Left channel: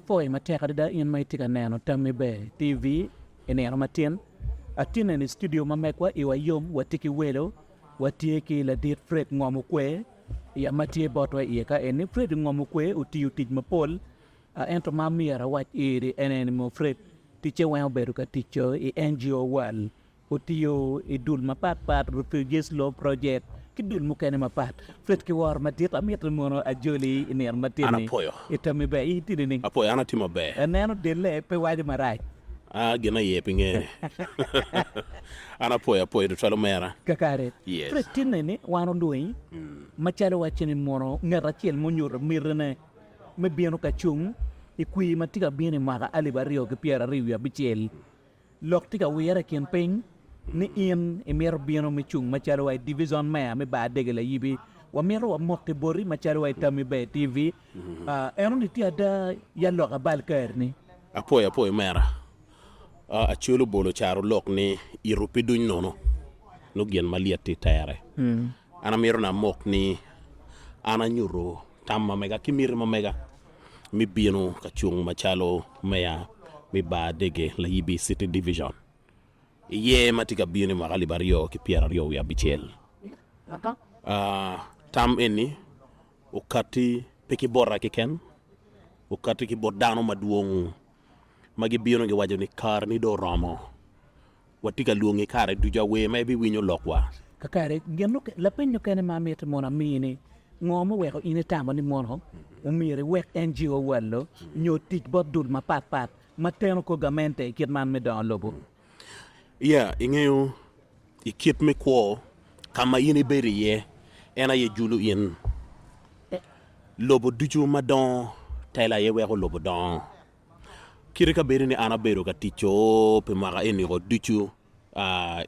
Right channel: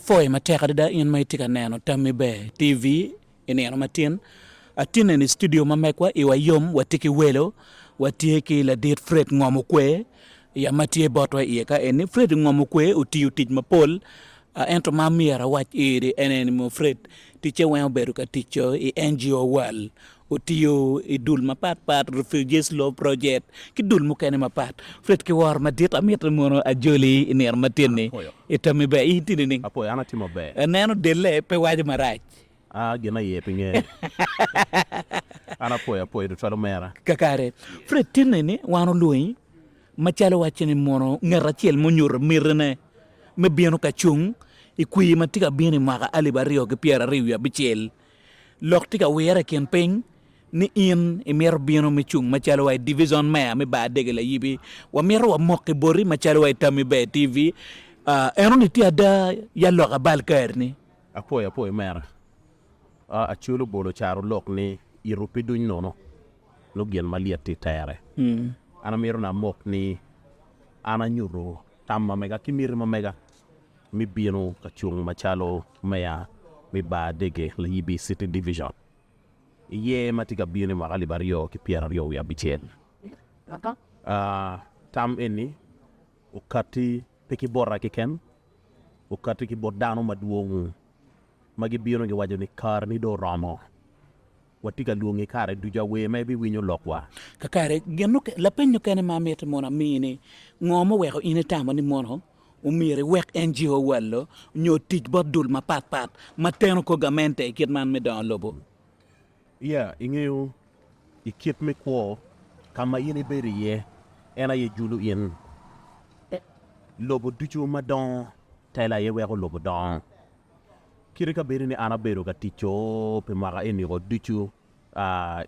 foi mateka da in mai tika neno tammi be TV ineno matin atine ni studio mamekwa iwa yom watiki welo watiki la dit Fred Ngom Okwe ya matie botwa ieka eni Fred Ngom Okwe uti utij mapol ento mamiera wach iri eneni mo Fred tiche wen obedo ka ticho i NGO wal utiyo i dul mapat refugees law project ki dul mukene mapat Fred ki war madit amit mono ajoli iner matini itami be itini ning apo ana timo be neno dele pe waje maraj gena yepinge ana poya do tolo mera kakare Fred tinini wano lui machalo wachini mono ngarachiel monyur mirne me bieno ka chung ikwi matika bieni maga alibario ke piera riwa bichel loktika wera ken peng ni in emir bieno me chung machalo wa division mea me Badege Layibi wa mero wa mokke bori machalo wa tami be TV eno ni tiada ya loka balkarni apoya mera a chulo bolo charo lok ni irupi duñ nono no gen maliati tayare ana mero na mok ni ana nyuro tamma mega kimir ma mega mi bieno ka chung machalo mea mi Badege Layibi City Division ye matika bieno magali bario ki piera rio ya bichel tam eni ukati peki borra ki ken ukati ki bodano maduong magi bieno ge wajo ni kar ni do ramo watika luongi kare duja we maybe winyo lokwa kakare genu la penyo kene mamete mona mini ngomo weko ine tamo ni mono umire wek NGO wallo nyo tij bodul ma pat mateno ko gamente kit man me don lobo ingeo ikit me ko kama yini beri ye ena ye julu yen lobo duju madon tayla ye weko lobo don kirika beri ni ana bero ka ticho pe maga eni go duju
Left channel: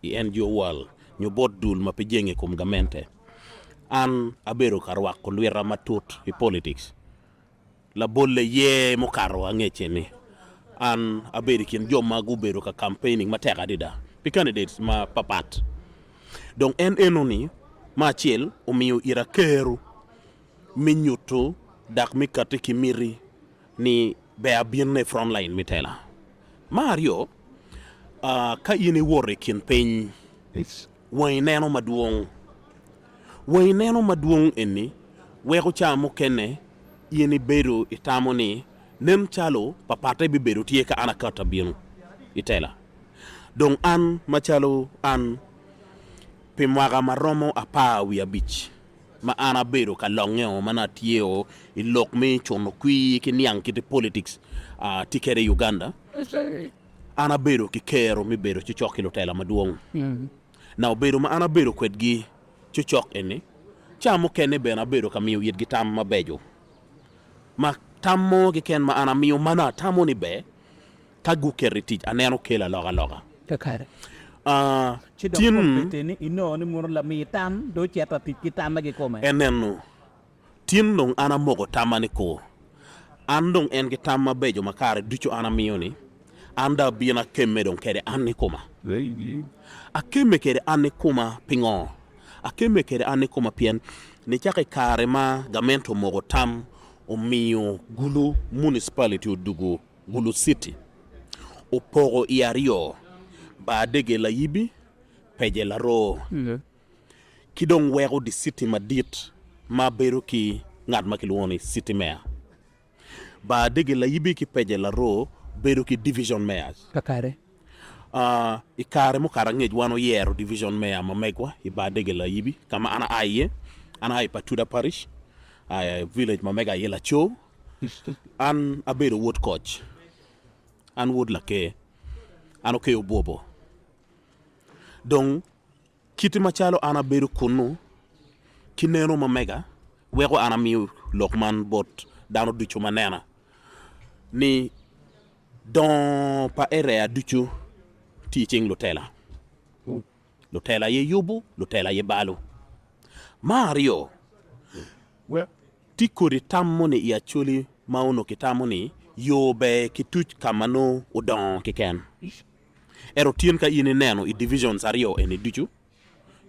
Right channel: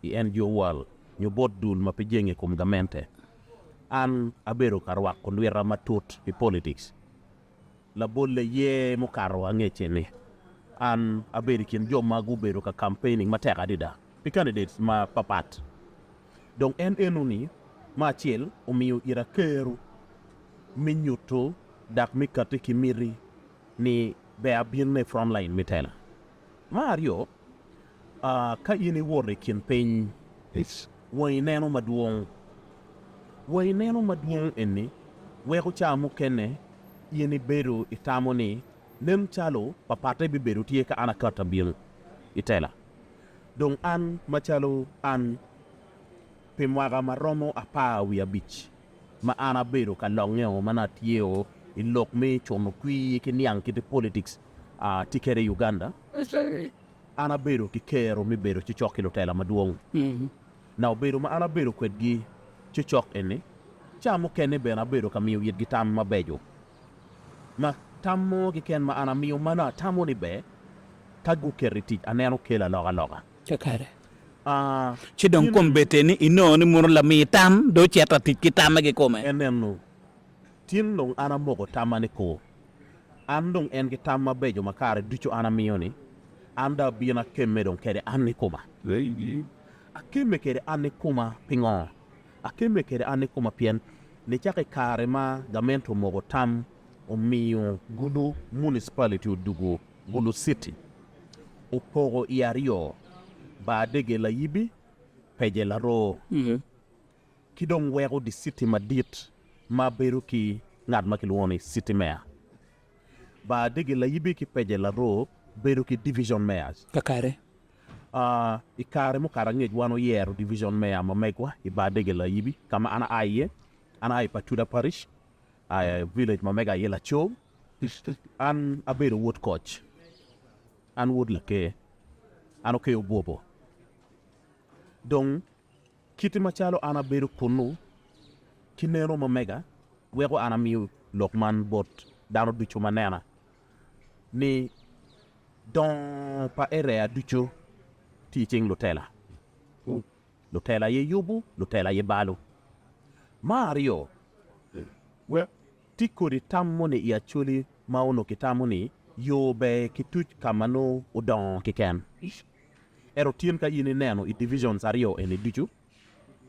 NGO wal nyo bodul ma pe jenge kum gamente an abero karwa ko lwera matut i politics la bolle ye mo karo angecheni an aberikin joma gubero ka campaigning mateka dida the candidates ma papat donc en enoni ma chiel omiyo ira keru minuto dak mikate kimiri ni be abirne frontline mitela Mario ka yini wore kin pen way neno maduong eni weko chamo kene yini bero itamoni nem chalo papate bi bero tie ka ana kata bien itela donc an machalo an pimwaga maromo apa wi beach ma ana bero ka longeo mana tieo ilok me chono kwi ki niang ki politics tikere Uganda ana bero ki kero mi bero ci chokilo tela maduong na bero ma ana bero kwetgi ci chok ene chamo kene be na bero ka miyo yit gi tam ma bejo ma tammo gi ken ma ana miyo mana tammo ni be tagu keriti aneno kela loga kakare ci don kombete ni ino ni muro la mi tam do cheta ti tam ge kome enenu tin dong ana mogo tamani ko andong en gi tam ma bejo makare ducho ana miyo ni anda bina kemme don kede anni kuma akemme kede anni kuma pingo akemme kede anni kuma pien ni chake kare ma gamento mogo tam o miyo gulu municipality udugu gulu city o pogo iario Badege Layibi peje la ro kidong wego di city madit ma beru ki ngad makilwoni city mayor Badege Layibi ki peje la ro beru ki division mayors kakare ikare mo karangej wano yero division mayor ma megwa i Badege Layibi kama ana ay Patuda parish village ma mega yela cho an abedo wood coach an wood lake an okay bobo donc kiti machalo ana bedo kunu kineno ma mega wego ana mi lokman bot dano duchu manena ni don pa area duchu teaching lotela ye yubu lotela ye balu Mario tikori tammoni ya chuli mauno kitamoni yobe kituch kamano udon kiken ero tien ka yini neno i divisions ario eni duchu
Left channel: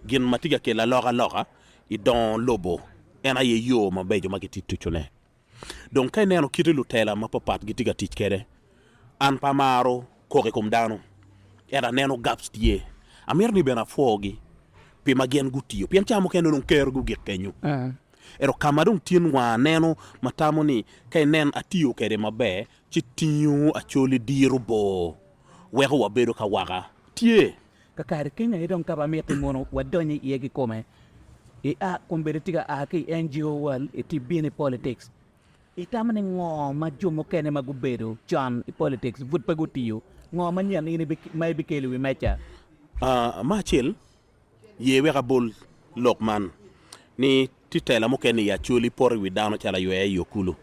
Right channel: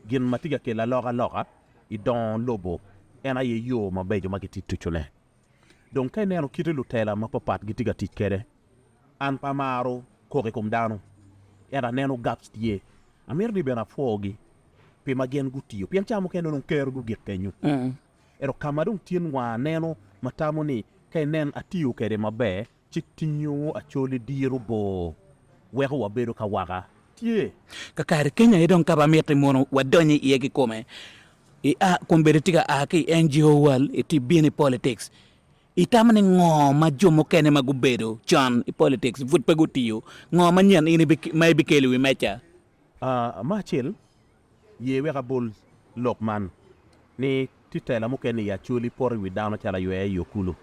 gin matiga ke la loga i don lobo ena ye yo mabejo makiti tuchune donc kay neno kiti lu tela ma papat gi tiga tich kede an pamaro koke kum dano era neno gaps tie amir ni bena fogi pi magen gutio pian chamo kendo non ker gu gik kenyu ero kamadung tin wa neno matamo ni kay nen atio kede mabe chitiyo acholi diru bo weho wabedo ka waga tie kakari Kenya idong kaba mete mono wadonyi yegi kome kumbere tiga aki NGO wal iti bini politics itamani ngoma jomo kene magubedo John politics vut pagutiyo ngoma nyan ini may bikeli wi mecha machil ye wega bol lokman ni titela mo kene ya chuli por wi dano chala yo kulu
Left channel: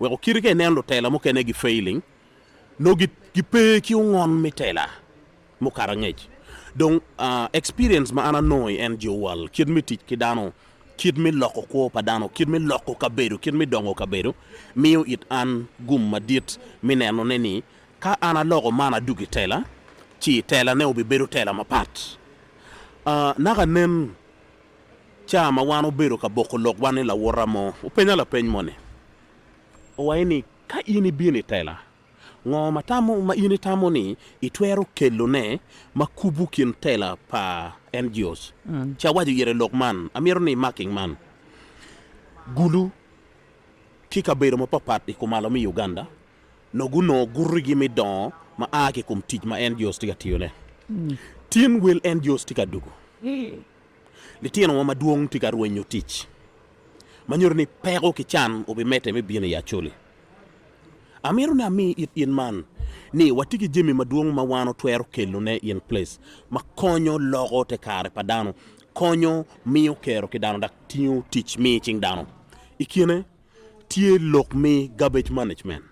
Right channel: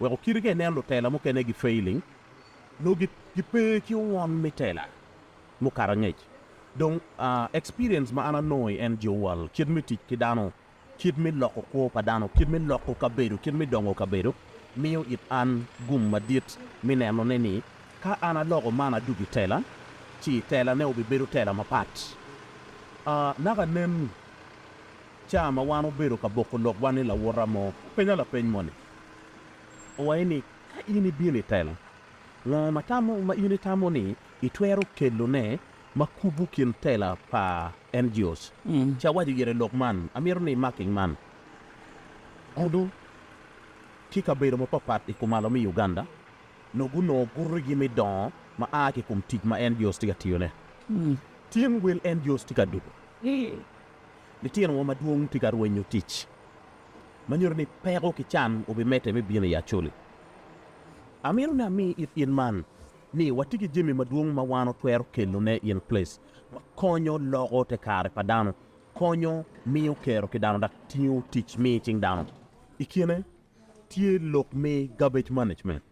wego kirike nen lo tela mo kene gi failing no gi pe ki ngon mitela mo karangej donc experience ma ana noy NGO wal kid mi tit ki dano kid mi loko ko pa dano kid mi loko ka beru kid mi dongo ka beru miyo it an gum madit mi neno neni ka ana logo mana dugi tela ci tela ne obi beru tela ma pat naga nen chama wano beru ka boko lok wani la woramo upenya la peny mone o waini ka ini bini tela ngoma tamo ma ini tamo ni itwero kelo ne makubu kin tela pa NGOs cha waji yere lokman amiro ni marking man gulu kika beru mo papat ikumalo mi Uganda no guno gurigi mi don ma ake kum tij ma NGOs tiga tiyone tin will NGOs tiga dugo li tino ma duong tiga ruenyo tich manyor ni pero ki chan obi mete me bine ya choli amiro na mi it in man ni watiki jimi maduong ma wano twero kelo ne in place ma konyo logo te kare padano konyo miyo kero ki dano dak tiyo teach me ching dano ikine tie lok me garbage management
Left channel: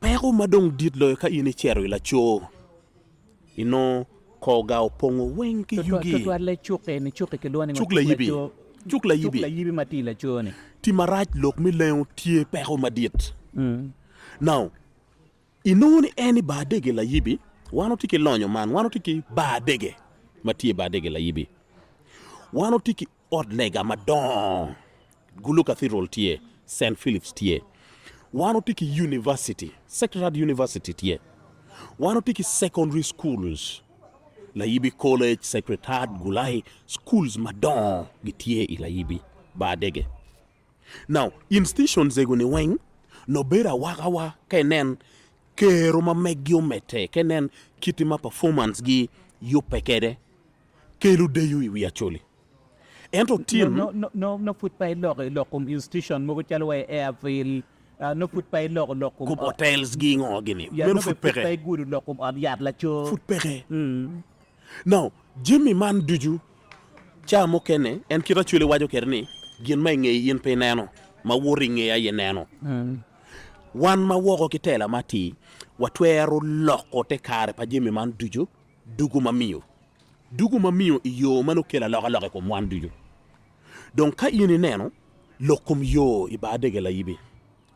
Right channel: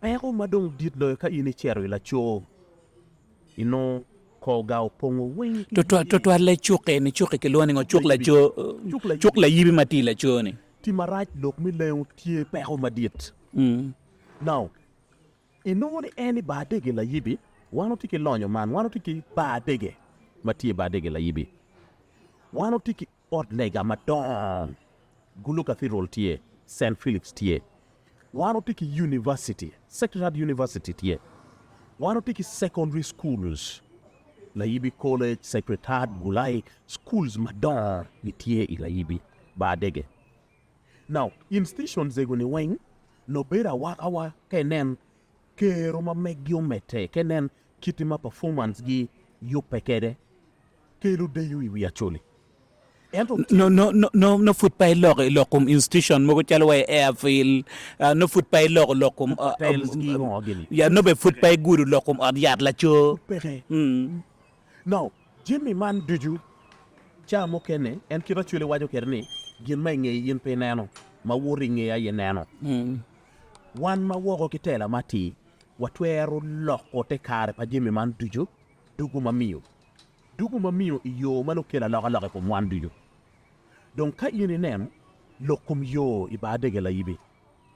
pero madong dit lo ka ini chero ila cho ino ko gao pongo wen ki to le chuke ni chuke ke loni chukla cho chukla yibi matila cho ni ti maraj lok mi leon tie pero madit now inoni any Badege Layibi wano tiki lonyo man wano tiki Badege matie Badege Layibi wano tiki od lega madon Gulu Cathedral tie St. Philip's tie wano tiki university Sacred University tie wano tiki secondary schools Layibi College Secretariat Gulai schools madon gitie Layibi Badege now institutions ego ni weng no bera wakawa kenen kero ma megyo mete kenen kitima performance gi yupekede kelu de yu wi acholi ento no foot pay lokum institution mo ko chalwa airfield no foot pay lokum hotels gi ngogini ya no be foot pay guru lokum on yard la cho foot pere now Jimmy man duju cha mo kene en kira chule wajo kerni gin may ngey yin pe neno ma wori ngey ay neno wan ma woko kitela mati watwero loko te kare pa Jimmy man duju dugu ma miyo iyo mano kela loko ko mwan duju donc ka yini neno lokum yo i Badege Layibi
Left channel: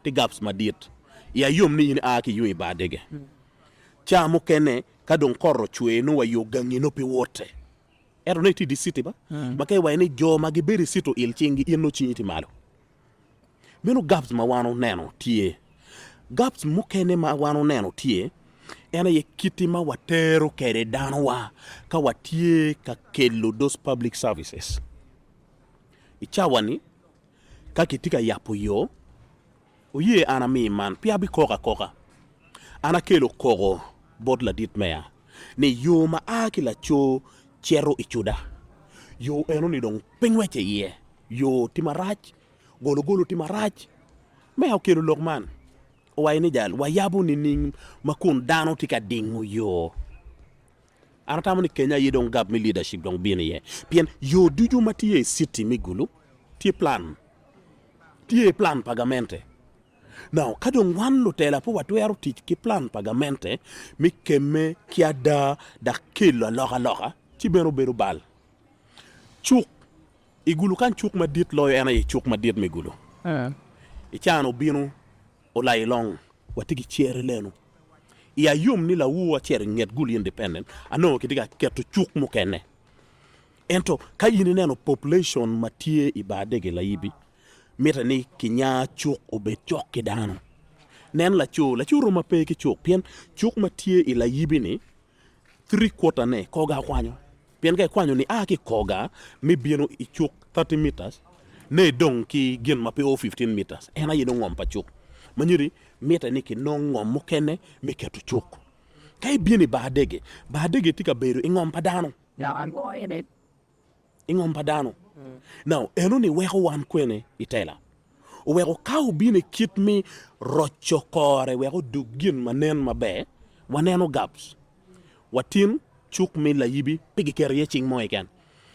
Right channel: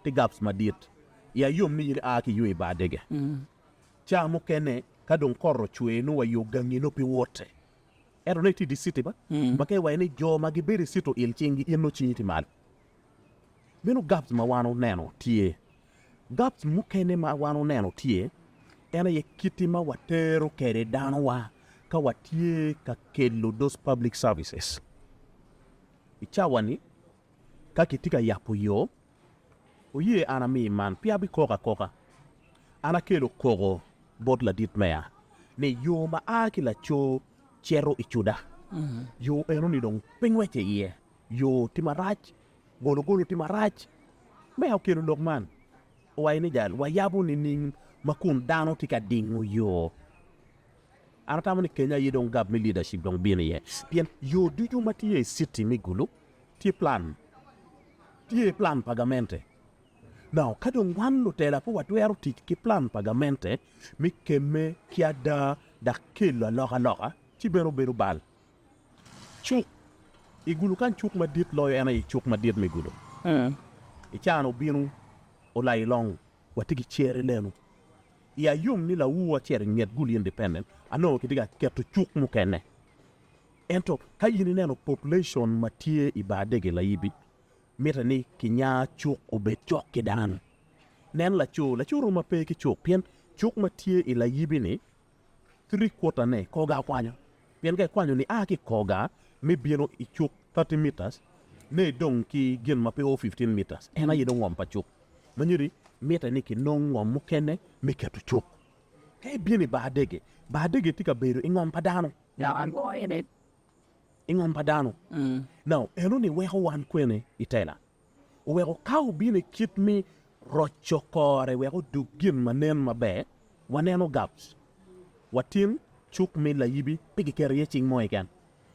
te gaps madit ya yom ni yini aki yo i Badege cha mo kene ka don korro chwe no wa yo gangi no pi wote ero ne ti di city ba makay wa ni jo magi beri sito il chingi ino chiniti malo meno gaps ma wano neno tie gaps mukene ma wano neno tie ena ye kitima watero kere dano wa ka watie ka kelo those public services ichawani ka kitika yapo yo oye ana mi man pia bi koka ana kelo kogo bodla dit mea ne yo ma akila cho chero ichuda yo eno ni dong pengweche ye yo timarach golo timarach mea kelo lokman wayni jal wayabu ni ning makun dano tika dingu yo anatamu ni Kenya yidong gab mi leadership dong bini ye pien yo duju matiye city mi gulu tie plan pagamente now kadong wan lo tela po watwero tich ki plan pagamente mi keme kiada da kilo loka ti bero bal chuk igulu kan chuk madit lo yana i chuk madit mi gulu ichano bino olai long watigi chere lenu ya yum ni la wuwa chere nget gul independent ano kidiga keto chuk mukene ento kayini neno population matie i Badege Layibi mita ni kinya chuk obet chok ki dano nen la chu roma pe ki chuk pien chuk matie i Layibi ni 3/4 ne koga kwanyo pien ga kwanyo ni ki koga mi bieno i chuk 30 meters ne dong ki gin mapi o 15 meters ena yido ngom pa chuk manyiri mita ni ki no ngom mokene mi ketu chuk kai bieni Badege tika beru ingom pa dano ingom pa dano now eno ni weho wan kwene itela wego kau bine kit mi rocho kore wego dugin manen mabe waneno gaps watin chuk mi Layibi pigi kere ye ching mo igen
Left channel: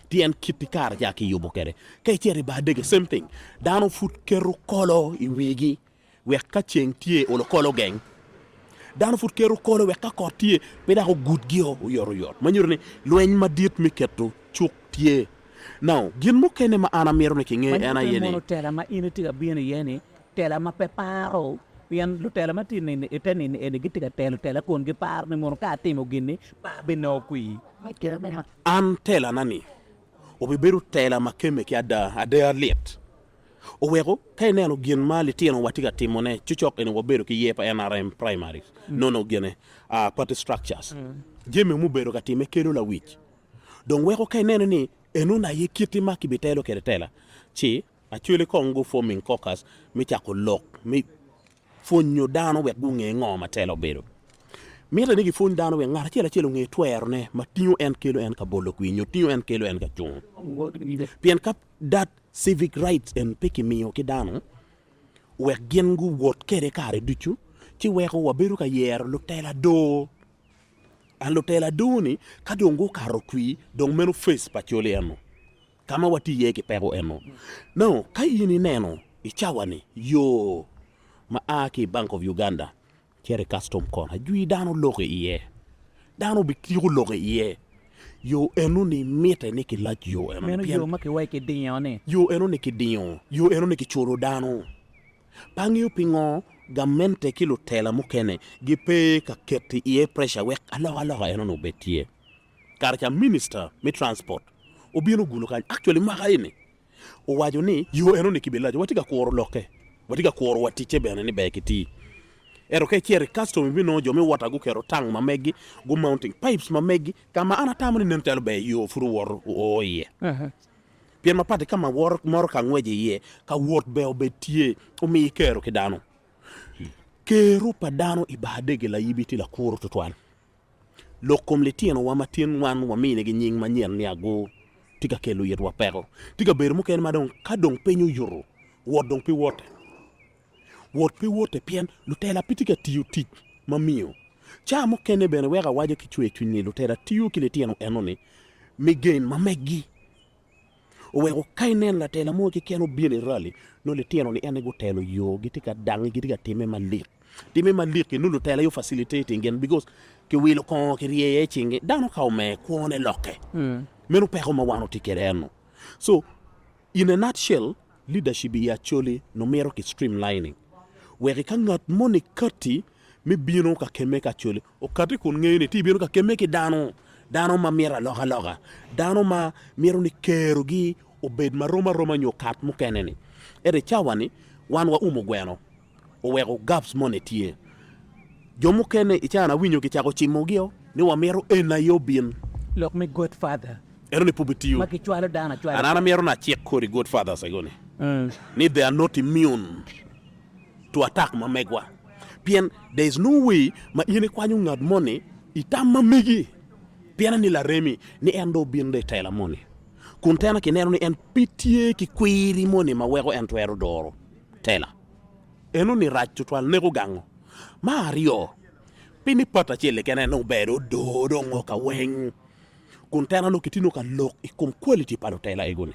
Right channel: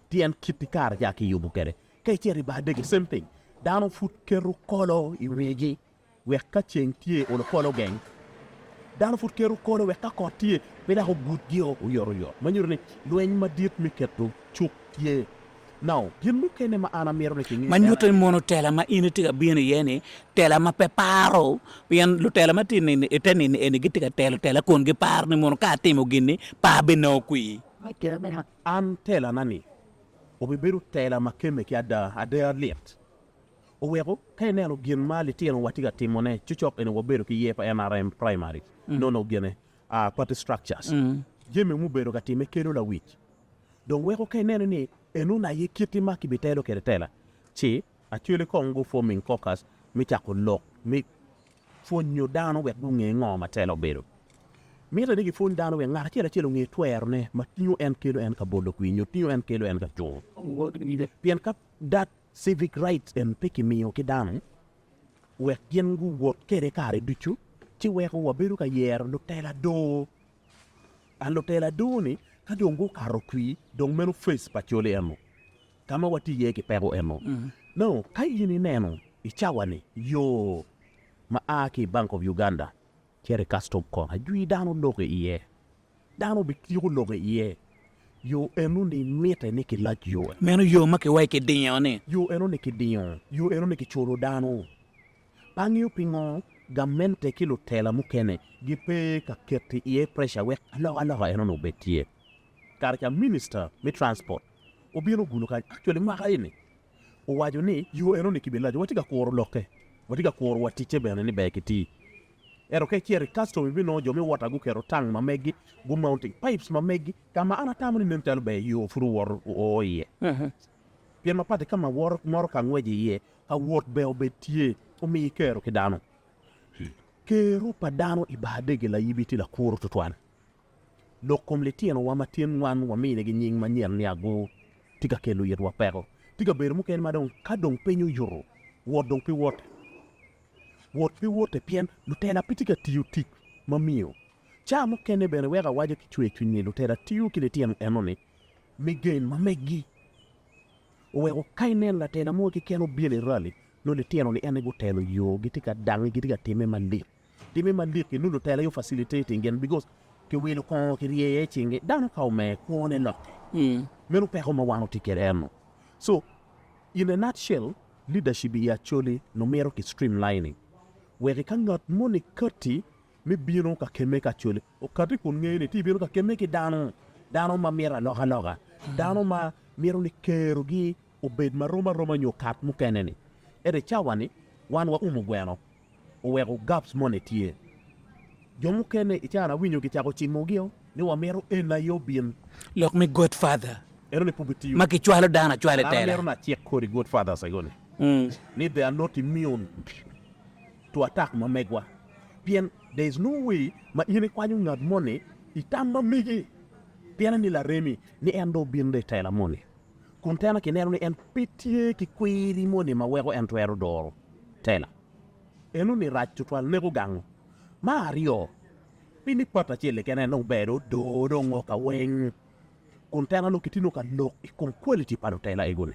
tien kiti kar ja ki yubo kere kay cheri Badege same thing dano fut keru kolo i wegi weka cheng tie olo kolo geng dano fut keru kolo weka ko tie beda ko good gio yor manyur ni lweny madit mi ketu chuk tie now gin mo kene ma ana mero ne kinge man muto mono tela ma ini tiga bieni yeni tela ma peparo pian lu tela ma tini eteni eni gitika tela kon gi par ni mono ka timo gini pa beno kui an tela nani obi beru tela ma keme ki ada liet o wego kay neno gin mali tieno watiga timone chuchok eni woberu ki yepa NRM primary no gene party structures jeme mu beru ka time kelo la wich donc wego kay neno ni enuna ye kiti maki bitelo kere tela chi actually kongo forming caucus mi chako lok mi fonyo dano we gunge ngoma telo beru mi la nigi fon dano we ngara chela ngi twerne matinyo en kilo en ka bolo kwinyo tiyo en kilo en ka chung pien kap that civic rights en piki miyo ki dano we gengu wot kere kare duchu chi we ko waberu ka yer lo tela do an lo tela duni ka jongo karo kwi dong menu face pachole eno kama wati ye ki pero eno no kai yini neno ichawani yo ma aki Bank of Uganda kere custom kon ajui dano loge iye dano bikiru loge iye yo enu ni mete ni ki laj yo meno yo make wai ke dinyo ne yo enu ni ki dinyo yo enu ni ki choro dano pangyo pingo gamente kilo tela mukene gipe ka keti iye pressure wek aloha eno no betie karcha minister mi transport obieno gulo kan actually maka ini o wajo ni yo eno ni kibelajo watiga koro loke watiga koro watiche bene ni bekiti ero ke chiere custom bi no jomi wata gu kero tang mamegi gu mounting pipes mamegi kama ana tamani nentel be yo furu wor o ye pien mapate kama wor mor ka ngweje ye ka wot be obetie o mi kero kidano kero padano i Badege Layibi ti la kuro tutwan lokom letien wa matien wan wa mine gi nying manyen ni ago tiga kelu yet wa pero tiga ber mu ken madon kadong penyu yoro wodong pi wote pien lutela pitika tiyu tik mamiyo cha mo kene bene wega waje ki chwe chunni lutela tiyu ki letien enoni mi gain mamegi o wego kainen la tela mo ki keno biele rally no letien ni ene go telo yo gitika dangi gitika time malik ki nulu tela yo facilitating again because ki wilo kon ki riye chinge dano kaume kuone loke menu peko ma wano tikere eno so in a nutshell leadership is actually no mero ki streamlining where kan ngat moni kati mi bino ka keme ka chole o kati kun ngene ti bino ka keme ki dano ma mera loga dano ma mero ni kerogi o bed ma roma nyo kat mu keneni ere chawani wan wa gweno o wego gaps moni tie jomu kene ichana winyo ki chako chimogio ni wa mero ena yo bin lok mi godfather ero ni pubitiyo maki chwalo dana chwalo ana mero na check kori godfather sagoni ni they are not immune to attack mamegwa pien there is no way ma yene kwanyu ngad money itam mamegi piana ni la remi ni endo binde tela money kuntena ki neno ni en pitie ki kwiri money ma wego en twero doro tela enu ni rachu twal nego gango Mario pini pata chile kene no bedo do ngoka weng kuntena lo kitino ka look ikum quality palo tela egone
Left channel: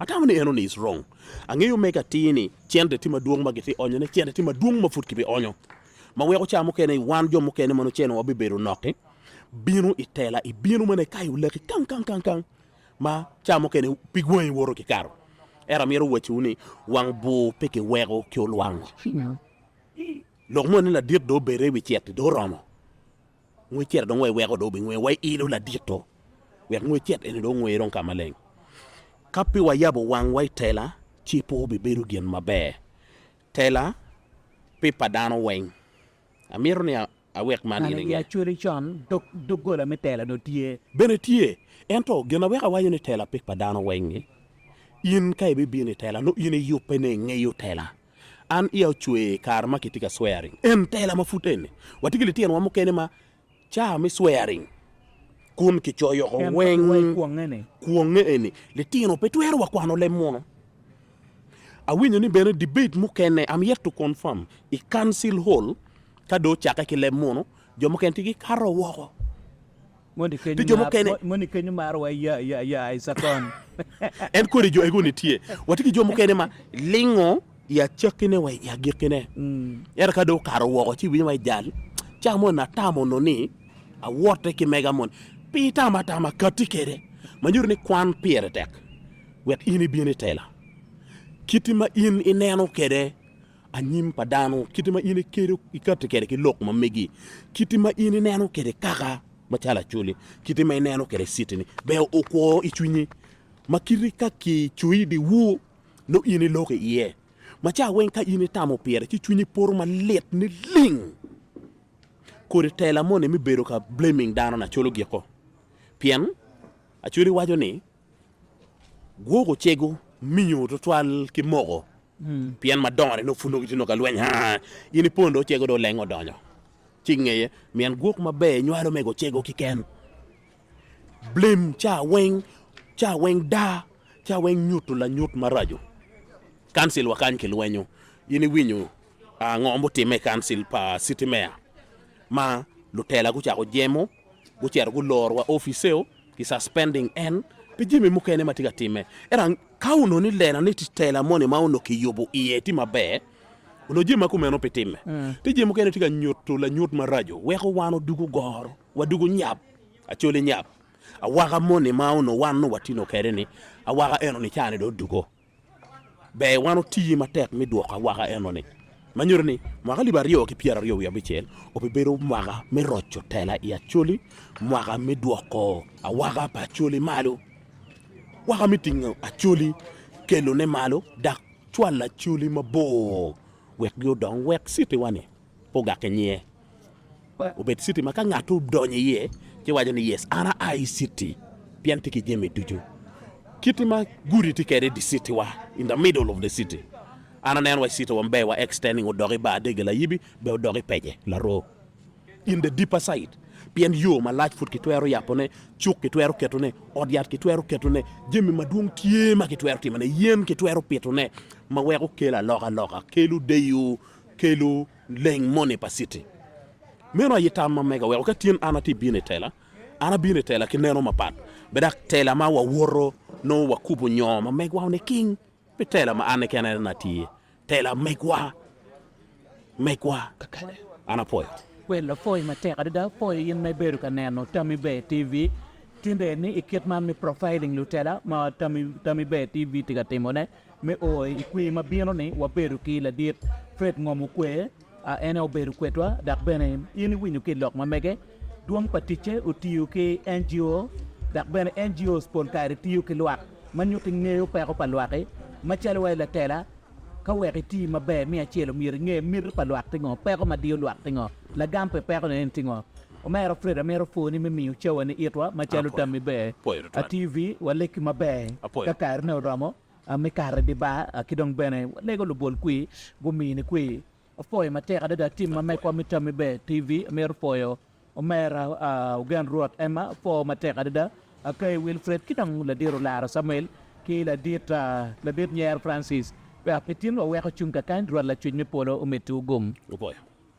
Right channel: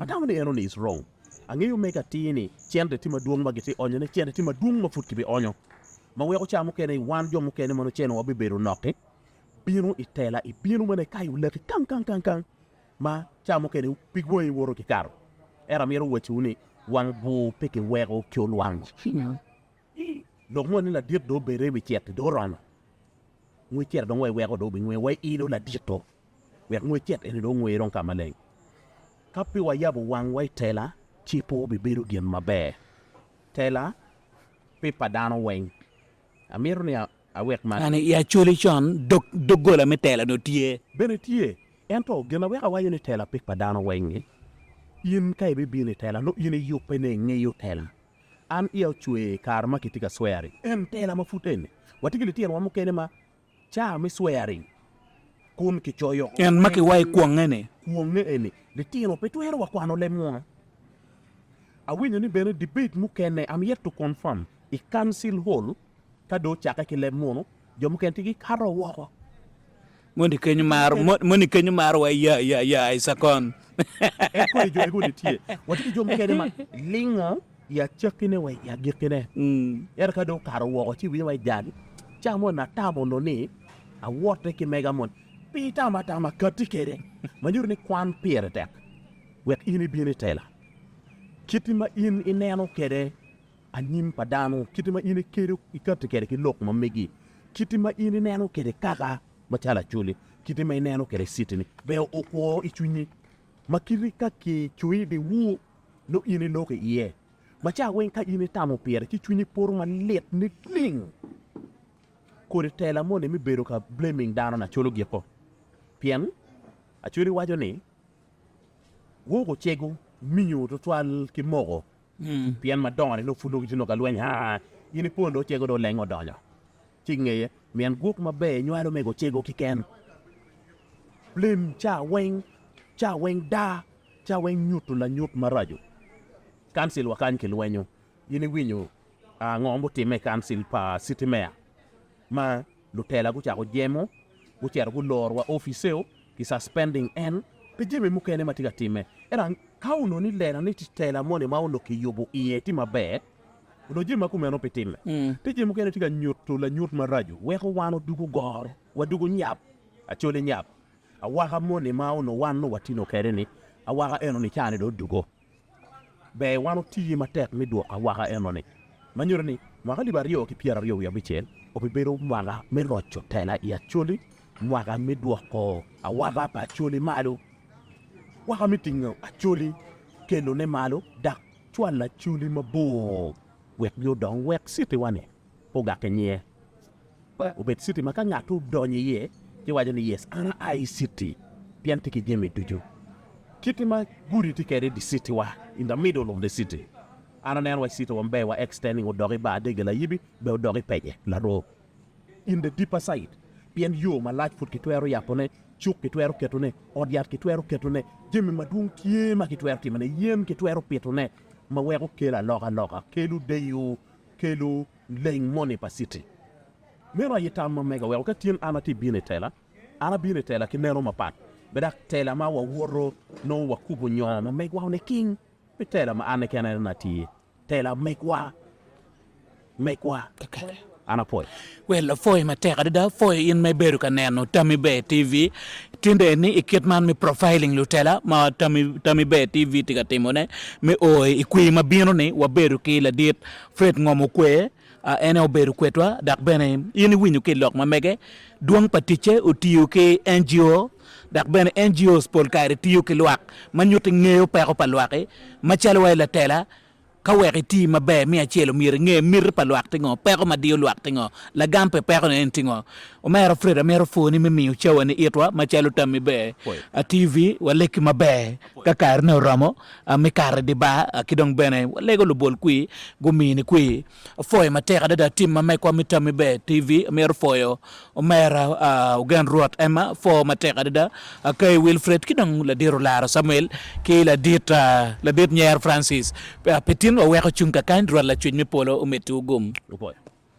atamani eno ni is wrong angeyo meka tini chende tima duong magiti onyo ne chende tima duong mafut kibi onyo ma wego chamo kene wan jo mo kene mano cheno wabi beru noke binu itela ibinu mane kayu leki kan ma chamo kene pigwen woro ki karo era miro wachuni wang bu peke wego kyol wang lok mo ni la dit do bere bi chet do rono ngwe chet do ngwe wego do bi ngwe wai ilo la dit to we ngwe chet eni do ngwe ron kamaleng kapi wa yabo wang wai tela chipo be beru gien mabe tela pe padano weng amiro ni awek man Ani ya chuli chon dogola mi tela no tie bene tie ento gena weka wayo ni tela pe padano weng ni in kai be bi ni tela no in yu pene ngeyo tela an iyo chwe karma kitika swearing en tela mafuteni watigili tien wa mukene ma cha mi swearing kun ki choyo en maki wai kuonge eni le tino pe twero wa kwano le mono awinyo ni bene debate mukene am yet to confirm I council hall kado chaka ki le mono jo muken tigi karo woko moni kenyu mar wa ya isakon en kori jo ego ni tie watiki jo mukene ma lingo ya chakine wa ya girkine era kado karo woko chi wi mai jal chamo na tamo no ni a wote ki megamon pita matama katikere manjur ni kwan piere tek wet ini biene tela kitima in ineno kede anyim padano kitima in kere ikate kede ki lok mamegi kitima in ineno kede kaka machala chuli kitima ineno kede sitini be okwo ichunyi makiri ka ki chui di wu no ini loke iye macha wen ka ini tamo piere ki chunyi por ma let ni ling kore tela mone mi bero ka blaming dano na cholo gieko pien achuri wajo ni gogo chego minyo to twal ki mogo pien madonre no fulo gitino ka lweny ha ini pondo chego do lengo donjo chingeye mien gok mabe nywalo mego chego kiken blame cha weng da cha weng nyuto la nyut marajo council wakan ki lwenyo ini winyo ngombo time council pa city mayor ma lutela ku chako jemo ku chero ku lor wa ofiseo ki suspending en pe jemi mukene matiga time era kauno ni lena ni titela mone mauno ki yobo iye ti mabe uno jema ku meno petime te jemi mukene tiga nyuto la nyut marajo weko wano dugu gor wa dugu nyap achole nyap awaga mone mauno wano watino kere ni awaga eno ni chane do dugo be wano tiyi matek mi duoka waga eno ni manyur ni mwaka libario ki piera rio ya bichel opibero mwaka mi rocho tela ya chuli mwaka mi duoko awaga pa chuli malo waka mi tingo a chuli kelo ne malo dak chwala chuli mabo wek yo don wek city wane poga kenye ubet city maka ngatu donye ye ki wajo ni yes ana I city pianti ki jeme duju kitima guri tikere di city wa in the middle of the city ana nen wa city wambe wa extending odori Badege Layibi be odori peje la ro in the deeper side pien yo ma large foot kitwero yapone chuk kitwero ketone odiat kitwero ketone jemi madung tie ma kitwero timane yen kitwero petone ma wego kela loka kelu deyu kelu leng money pa city meno yitama mega wego katien ana ti bine tela ana bine tela kineno mapat bedak tela ma wa woro no wa kubu nyoma megwa ne king be tela ma ane kenena na ti tela megwa ana poi well foi mateka da foi in me beru kaneno tami be tv tinde ni iketman mi profiling lutela ma tami be tv tiga timone me o ikwi mabino ni wa beru ki la dit fred Ngom Okwe ene o beru kwetwa dak bene yini winyu ki lok mamege duang patiche utiyu ki NGO dak bene NGOs pol kare tiyu ki lwak manyuti ngeo pa ko palwake machalo wa la tela kaweki ti mabe mi achelo mir palwak tingo peko madio lwak tingo la gampe peko ne tingo o mero freda mero foni mi miu chawa ni itwa machelo tami be a TV waleki mabe kakar no ramo mi kar di ba kidong bene lego lo bol kui gumini kui foy mateka da tim ma ko mi tami be TV mero foyo o mera ugan ruot ema fo mateka da kay Wilfred kidong la diro lara Samuel ki la dit Nyer Francis petin o weko chunka kan dro la chunyi polo umetu gum boy